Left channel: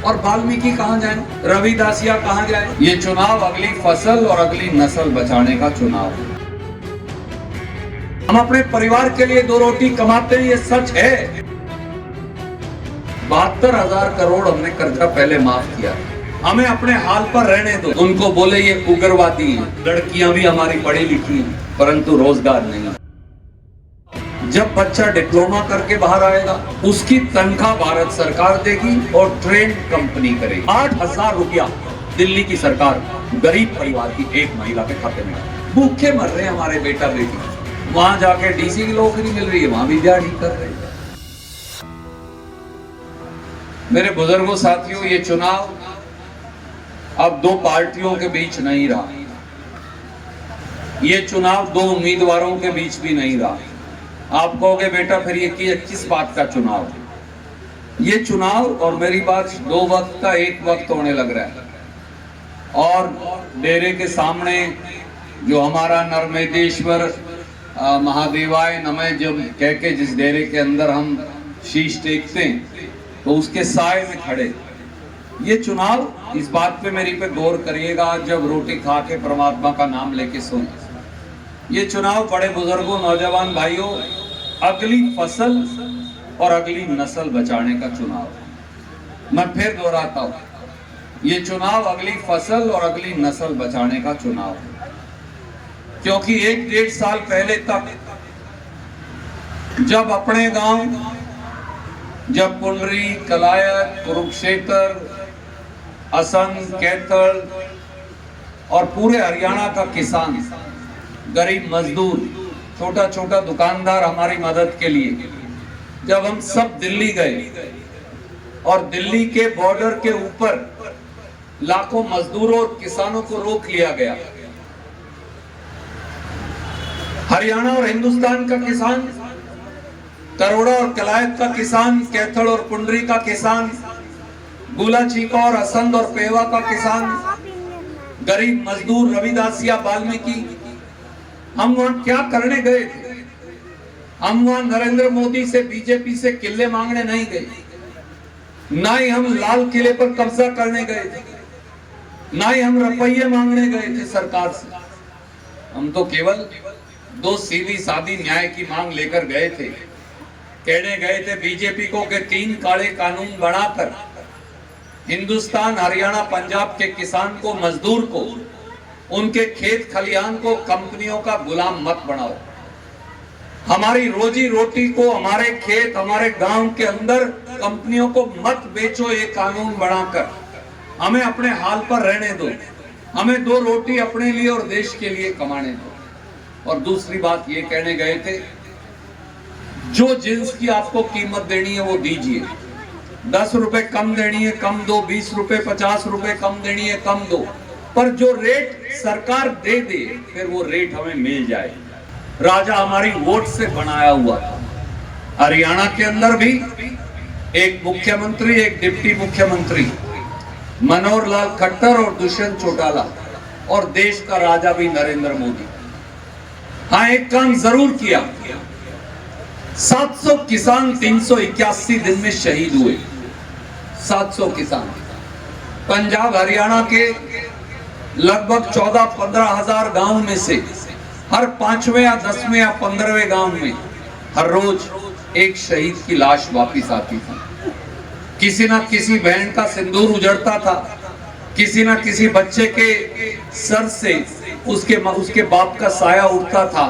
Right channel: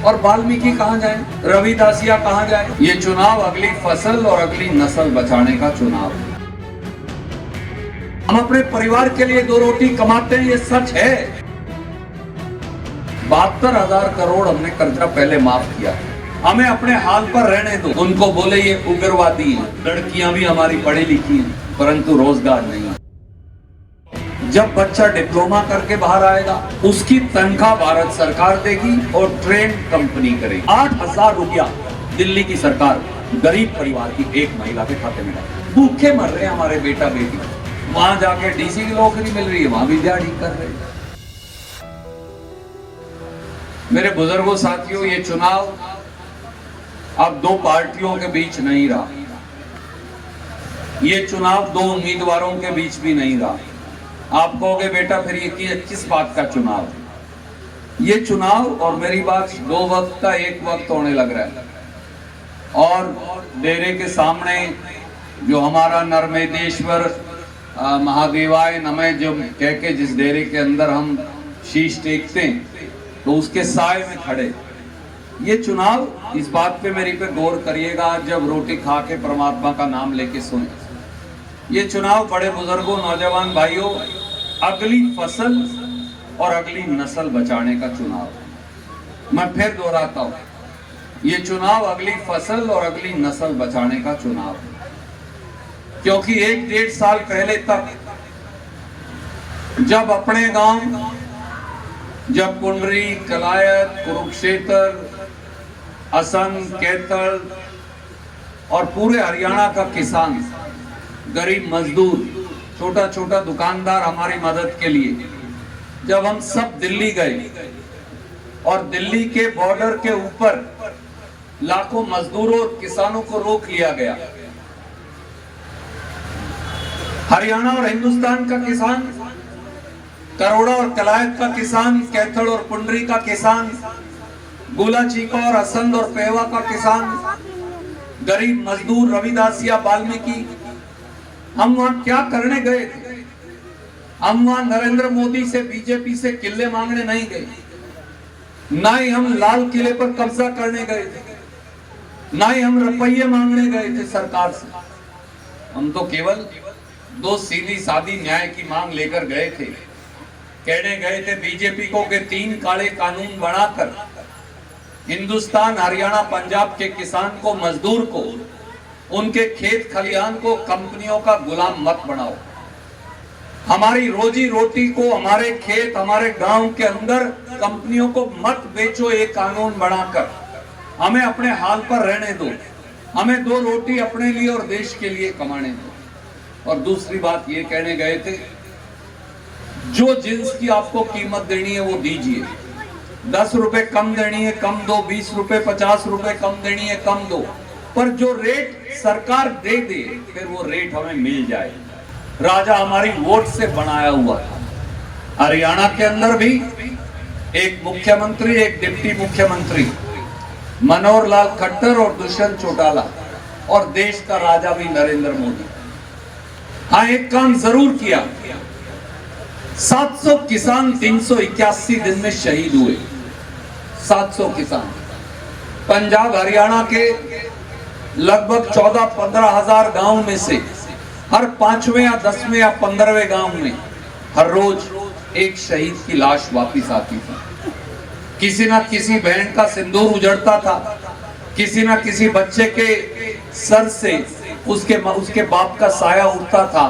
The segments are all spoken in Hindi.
और वाल्मीकि कहाँ जाए, रविदासिया कहाँ जाए। ये चुनाव अगली फसल और अगली नस्ल बचाने का चुनाव है। हम अपने परिवार के लिए 2 रोटी कमाते हैं, ये सच है। 72,000 करोड़ हमने कर्जा पहले माफ किया। हमें अपने हाल पर रहने दो। उनको बोले ये उग्रवादी हैं। लड़कियां भी हमारी पढ़ी लिखी हैं, परंतु रोजगार नहीं। जब बच्चा डिप्लोमा करके बाहर आएगा, उसकी तनख्वाह भारत सरकार देगी और ट्रेन कंपनी करेगी। 8,000 रुपया दिल्ली की सरकार गरीब परिवार की एक महिला के खाते में। भूखे मर रहे हैं हमारे बेटा बेटी, वहां जाके डीसी की नौकरी मिल रही है, वहां भी दिहाड़ी कर रहे हैं। मेरे बुजुर्गों साथियों, ये चुनाव अब 2 पार्टियों के बीच नहीं रहा। ये चुनाव 2 उम्मीदवारों के बीच भी नहीं रहा। आप कहोगे बेटा फिर ये किस बात का चुनाव है? ये चुनाव और मेरी बात 2 वक्त का एक वक्त होने लग रहा है। और डेरे के सामने जो हमारा नर्मदेश्वर महादेवाय नमः जब कह के जिस डेरे के अंदर हम शीश टेकते हैं, तो उसके साए में खड़े। ये चुनाव, इस बात पे मेरी पे गौर करिएगा जब रोटी खा के परमात्मा का नाम लेके सुने। ये चुनाव बड़े बुजुर्गों, नौजवान भाइयों, अगली फसल और अगली नस्ल बचाने का चुनाव है। मैं फिर दोहराता हूं, ये चुनाव अगली फसल और अगली नस्ल बचाने का चुनाव है। क्योंकि 1-1.5 साल पहले तक जब अपने गांव, जब पुंडरी, कलायत, कुरुक्षेत्र, असम, कैथल और पूरे हरियाणा का किसान, गरीब मजदूर, छोटा छोटा दुकानदार हमारी मदद के लिए, जब हम सब दिल्ली गए और दिल्ली के बॉर्डर के ऊपर लाखों मजदूरों और किसानों को रोक लिया गया। हरियाणा और हिंदुस्तान का किसान, करोड़ा और कलायत का किसान, कैथल और पुंडरी का किसान, गुला चीका और असंध और पेवा का किसान, गरीब मजदूर, रविदासिया, वाल्मीकि, हम वहां क्या करने गए थे? हम वहां नरेंद्र मोदी से, बीजेपी से किले मांगने नहीं गए, ना ही हम लाल किले पर कब्जा करने गए थे, ना ही हम रुपये मांगने गए थे सरकार से। हम तो केवल 2 सीधी सादी न्याय की मांग लेकर गए थे। कहने गए थे बीजेपी को कि 3 काले कानून बनाकर हिंदुस्तान, हरियाणा, पंजाब के किसान को, मजदूर को, उनके खेत खलिहान को कंपनियों का गुलाम मत बनाओ। हमारी रोजी रोटी को, हमारे खेत, हमारे गांव के अंदर कंपनियों को मत बेचो। एक कानून बनाकर हमें अपने हाल पर रहने दो। हमें 2 रोटी अपने लिए और देश के लिए कमाने दो। और दूसरी बात ये कहने गए थे, जो जिन्स की आपको कीमत देनी है वो दीजिए। 10 रुपए कम देनी है, कम दो। 20 रुपए, 50 रुपए कम देनी है, कम दो। पर जो रेट सरकार दे दे, फिर वो रेट हमें मिल जाए। राजा हमारी वोट से बनाया हुआ था। हरियाणा के अंदर भी एक मुख्यमंत्री, एक डिप्टी मुख्यमंत्री, मनोहर लाल खट्टर और दुष्यंत चौटाला, और देश का राजा भी नरेंद्र मोदी। हाँ, एक काम जरूर किया, 700 किसान 381 दिन में शहीद हुए। 700 किसान पंजाब, हरियाणा के लगभग 14-15 हजार गांव में से हर 5वें या 10वें या 15वें गांव में हर रोज एक शहीद की लाश वापिस आती थी। किसी ना किसी बहन का सिंदूर उजड़ता था, किसी ना किसी बच्चे के सर से उसके बाप का साया उठता था।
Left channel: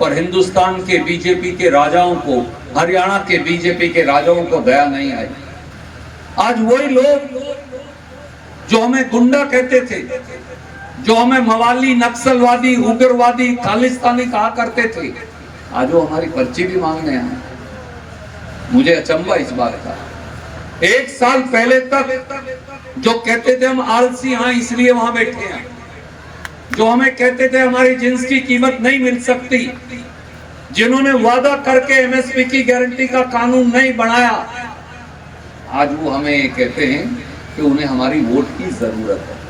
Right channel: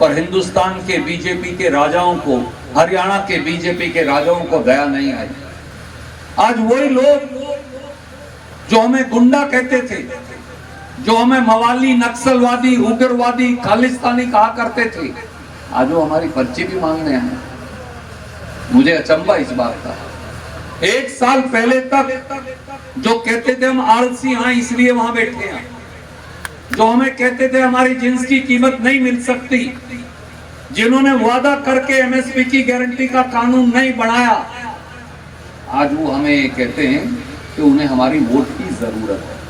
पर हिंदुस्तान के बीजेपी के राजाओं को, हरियाणा के बीजेपी के राजाओं को दया नहीं आई। आज वही लोग जो हमें गुंडा कहते थे, जो हमें मवाली, नक्सलवादी, उग्रवादी, खालिस्तानी कहा करते थे, आज वो हमारी पर्ची भी मांगने आए। मुझे अचंभा इस बात का। 1 साल पहले तक जो कहते थे हम आलसी हैं इसलिए वहां बैठे हैं, जो हमें कहते थे हमारी जिन्स की कीमत नहीं मिल सकती, जिन्होंने वादा करके एमएसपी की गारंटी का कानून नहीं बनाया, आज वो हमें कहते हैं कि उन्हें हमारी वोट की जरूरत है।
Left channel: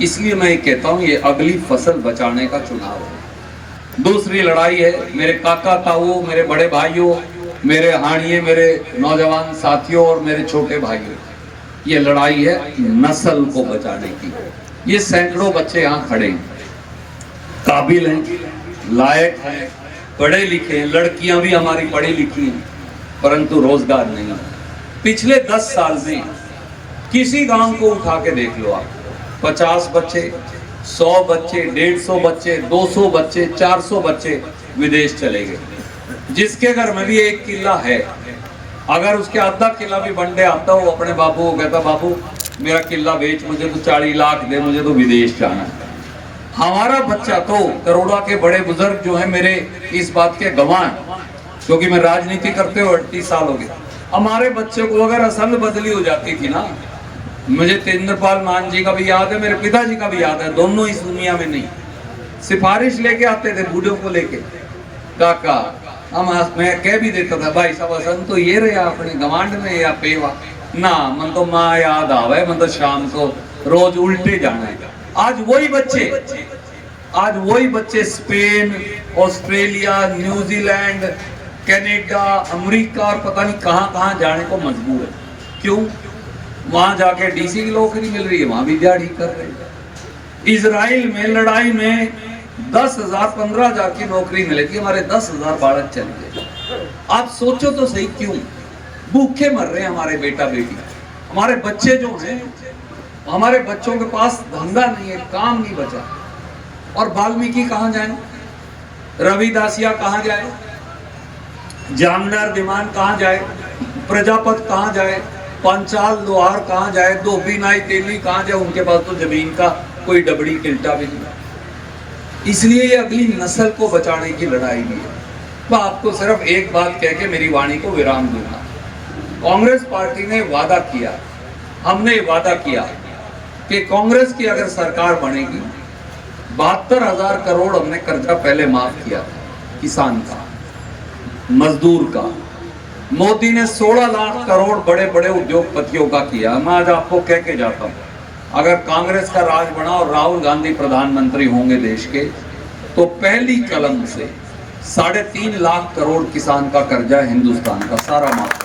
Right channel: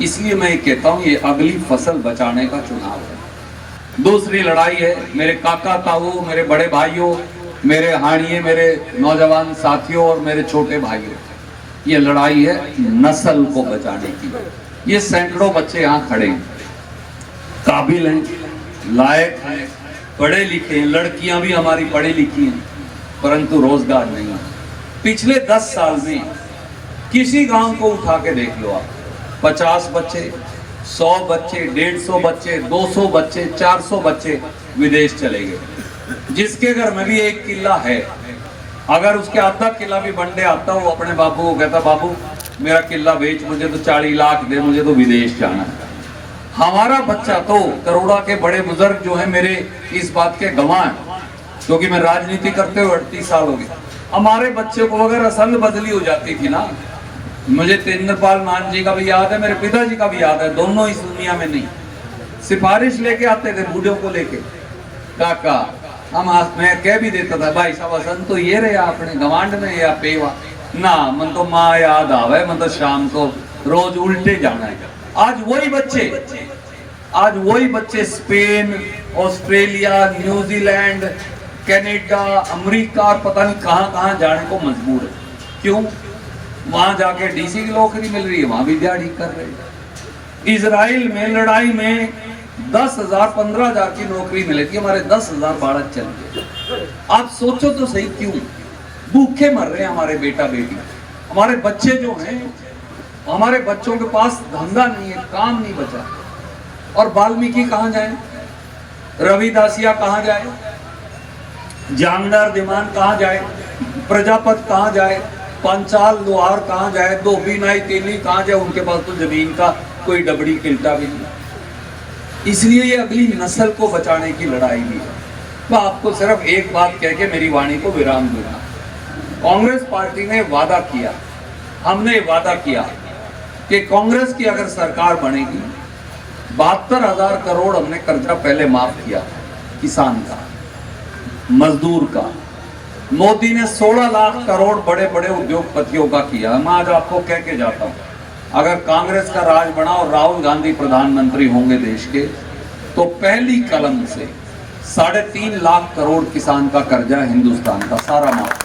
इसलिए मैं कहता हूं ये अगली फसल बचाने का चुनाव है। दूसरी लड़ाई है मेरे काका ताऊ, मेरे बड़े भाइयों, मेरे हानिये, मेरे नौजवान साथियों और मेरे छोटे भाइयों। ये लड़ाई है नस्ल को बचाने की। ये सैकड़ों बच्चे यहाँ खड़े हैं, काबिल हैं, लायक हैं, पढ़े लिखे हैं, लड़कियां भी हमारी पढ़ी लिखी हैं, परंतु रोजगार नहीं। पिछले 10 साल में किसी गांव को उठा के देख लो आप, 50 बच्चे, 100 बच्चे, 150 बच्चे, 200 बच्चे, 400 बच्चे विदेश चले गए। जिसके घर में भी 1 किला है, अगर उसके आधा किला भी बंडे आता, वो अपने बाबू को कहता, बाबू मेरा किला बेच, मुझे तो 40 लाख दे, मुझे तो विदेश जाना है। हमारा बच्चा तो, करोड़ा के बड़े बुजुर्ग जो है मेरे इस बात के गवाह हैं, क्योंकि मैं राजनीति करते हुए 38 साल हो गए। हमारे बच्चे को अगर असल बदली हो जाती थी ना, मुझे तेंद्रपाल मान जी का भी याद है, मेरे पिताजी का भी याद है, दोनों इस दुनिया में नहीं, सिफारिश लेके आते थे बूढ़ों को लेके, काका हम, मैं कह भी देता था, भाई साहब असन तो ये रहे अपने गवांड में या पेवा ना, मन तो माँ याद आवे, मन तो शाम को रोज उल्टे जाना है। आज वही बच्चे Spain, Australia, New Zealand, Canada, America और पता नहीं कहां जाने को मजबूर है। क्यों? वहां जाके डीसी की नौकरी मिल रही है, वहां भी दिहाड़ी कर रहे हैं। इजराइल में लड़ाई में 10,000 15,000 की नौकरी मिलेगी, हमारे 10,000 बालक चले गए। आप सोचो तो सही, क्यों भूखे मर रहे हैं हमारे बेटा बेटी। हमारे बच्चे जो हैं, हमारे बच्चों के पास धंधा नहीं है, काम नहीं बचा। और वाल्मीकि कहां जाए, रविदासिया कहां जाए, जामदार दिमान कहां जाए, प्रजापत कहां जाए, पंचाल लोहार कहां जाए, धोबी नाई तेली कहां जाए, उनके पास तो जमीन का कोई डबड़ी किल्टा भी नहीं। इसलिए ये अगली नस्ल को बचाने की लड़ाई भी है। तो आपको सिर्फ एक बात कह के मेरी वाणी को विराम दूंगा। कांग्रेस पार्टी ने वादा किया, हमने वादा किया कि कांग्रेस की अगर सरकार बनेगी, 72,000 करोड़ हमने कर्जा पहले माफ किया, किसान का, मजदूर का। मोदी ने 16 लाख करोड़ बड़े बड़े उद्योगपतियों का किया। मैं आज आपको कह के जाता हूं, अगर कांग्रेस का राज बना और राहुल गांधी प्रधानमंत्री होंगे देश के, तो पहली कलम से 3.5 लाख करोड़ किसान का कर्जा हिंदुस्तान का सारा माफ।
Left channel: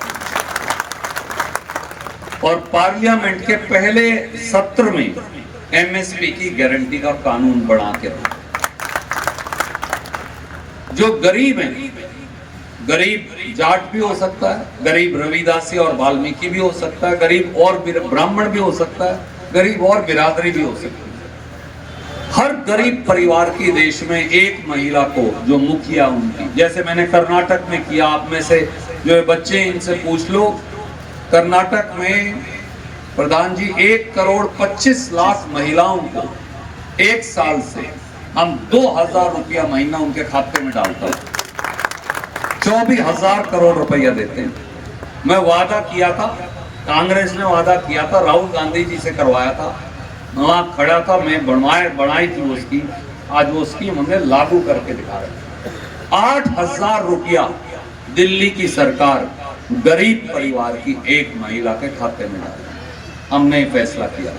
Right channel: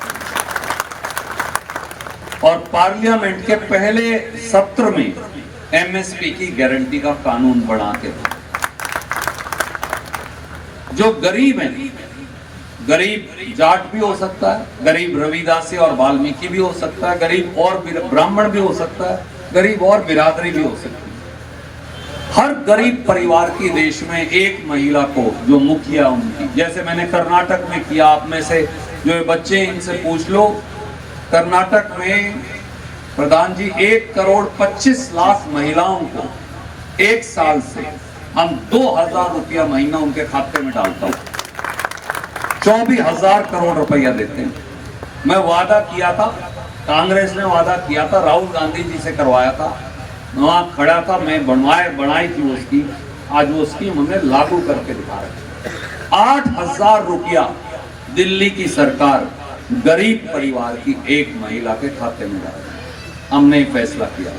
और पार्लियामेंट के पहले सत्र में एमएसपी की गारंटी का कानून बना के, जो गरीब है, गरीब जाट भी हो सकता है, गरीब रविदासी और वाल्मीकि भी हो सकता है, गरीब और ब्राह्मण भी हो सकता है, गरीब और बिरादरी भी हो सकती है। हर गरीब परिवार की देश में एक महिला को, जो मुखिया उनकी, जैसे मैंने कर्नाटक में किया, आप में से जो बच्चे इनसे पूछ लो, कर्नाटक में प्रधान जी 1,25,00,000 महिलाओं को 1 साल से हम 2,000 रुपया महीना उनके खाते में डालता हूं, 24,000 करोड़ रुपया देते हैं। मैं वादा किया था, कांग्रेस ने वादा किया था, राहुल गांधी जी से करवाया था, वहां खड़ा था मैं, बनाई थी उसकी, आज वो स्कीम उन्हें लागू करके दिखा रहे। 8,000 रुपया दिल्ली की सरकार गरीब परिवार की एक महिला के खाते में डाल, हमने फैसला किया,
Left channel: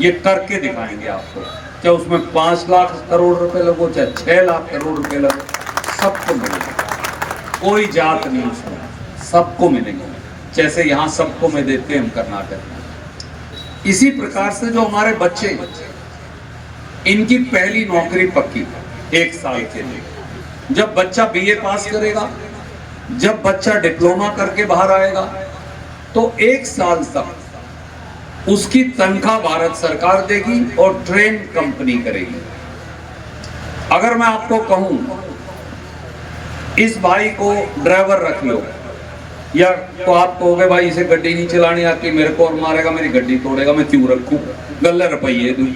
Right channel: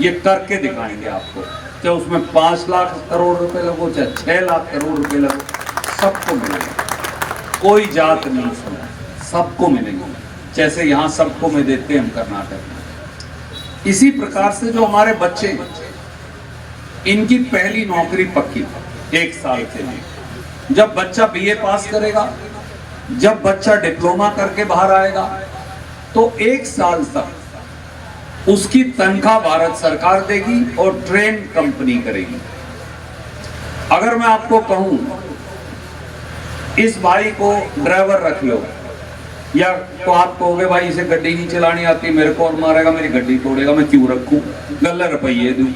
ये करके दिखाएंगे आपको। चाहे उसमें 5 लाख करोड़ रुपए लगो, चाहे 6 लाख करोड़ रुपए लगो, सबको मिलेगा, कोई जात नहीं सुना, सबको मिलेंगे, जैसे यहाँ सबको में देते हैं हम कर्नाटक में। इसी प्रकार से जो हमारे बच्चे, इनकी पहली नौकरी पक्की 1 साल के लिए। जब बच्चा बीए पास करेगा, जब बच्चा डिप्लोमा करके बाहर आएगा, तो 1 साल तक उसकी तनख्वाह भारत सरकार देगी और ट्रेन कंपनी करेगी। अगर मैं आपको कहूं, इस भाई को ड्राइवर रख लो, या तो आप कहोगे भाई इसे गड्डी नहीं चलानी आती, मेरे को और मारेगा, मेरी गड्डी तोड़ेगा, मैं क्यों रखूं, गल्ले रुपये दूं।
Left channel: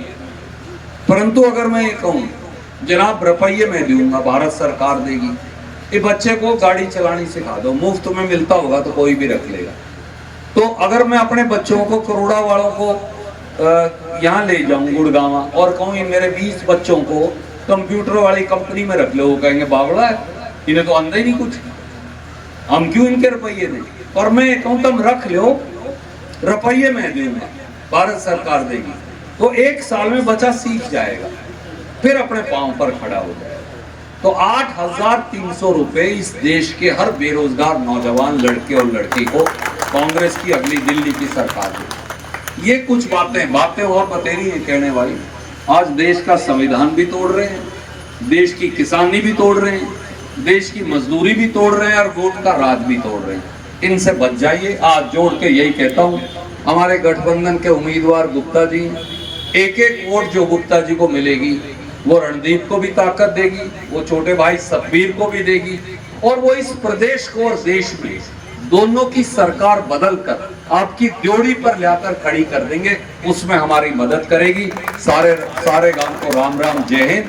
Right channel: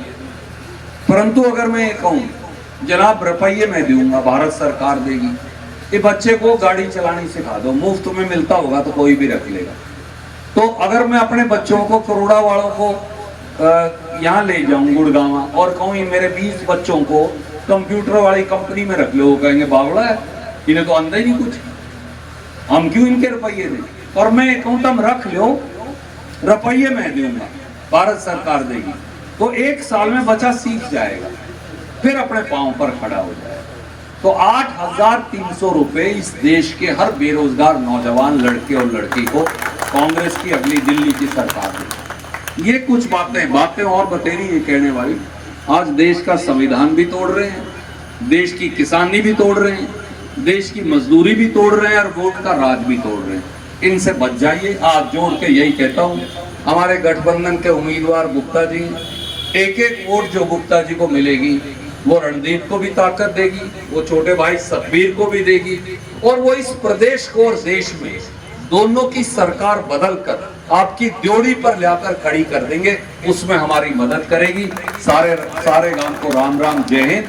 परंतु अगर मैं ये कहूं, जनाब रुपये मैं दूंगा, भारत सरकार देगी, ये बच्चे को गाड़ी चलानी सिखा दो, मुफ्त में मिलता होगा तो कोई भी रख लेगा। तो अगर मैं अपने बच्चों को, करोड़ा वालों को यहाँ ले जाऊं गुड़गांव, और कहूँ मेरे 20 बच्चों को कंप्यूटर वाली कंपनी में रख लो, वो कहेंगे बावड़ा है, इन्हें तो अंदर ही नहीं कुछ, हम क्यों इनके रुपये दें। और मैं कहूँ तुम रख लो, रुपये मैं दूंगा, भारत सरकार देगी, तो 1 साल में बच्चा सीख जाएगा, फिर अपने पांव पर खड़ा हो जाएगा। तो 8,300 रुपए इस देश के हर बेरोजगार नौजवान लड़के और लड़की को कांग्रेस की अगली दिल्ली की सरकार देगी। ये कुछ बातें और बतेरी हैं कहने वाली। आज देश का संविधान भी तोड़ रहे हैं, देश की किसानी भी तोड़ रहे हैं, देश की मजदूरी भी तोड़ रहे हैं और वोट का राज भी तोड़ रहे हैं। इनसे बच जाइए। आज जोड़ के यही कहता हूं, हमारे गठबंधन के उम्मीदवार गुप्ता जी, एक एक वोट जो गुप्ता जी को मिलेगी वो रणदीप को भी ताकत देगी, वो छोटे भाई सतबीर को भी देगी, और वो इस प्रदेश को और देश में दोनों की सरकार बदलकर आपकी ड्योढ़ी पर लाकर खड़ी कर देंगे। उसमें हमारी मदद करेगी। सारे गांव को राम राम, जय हिंद।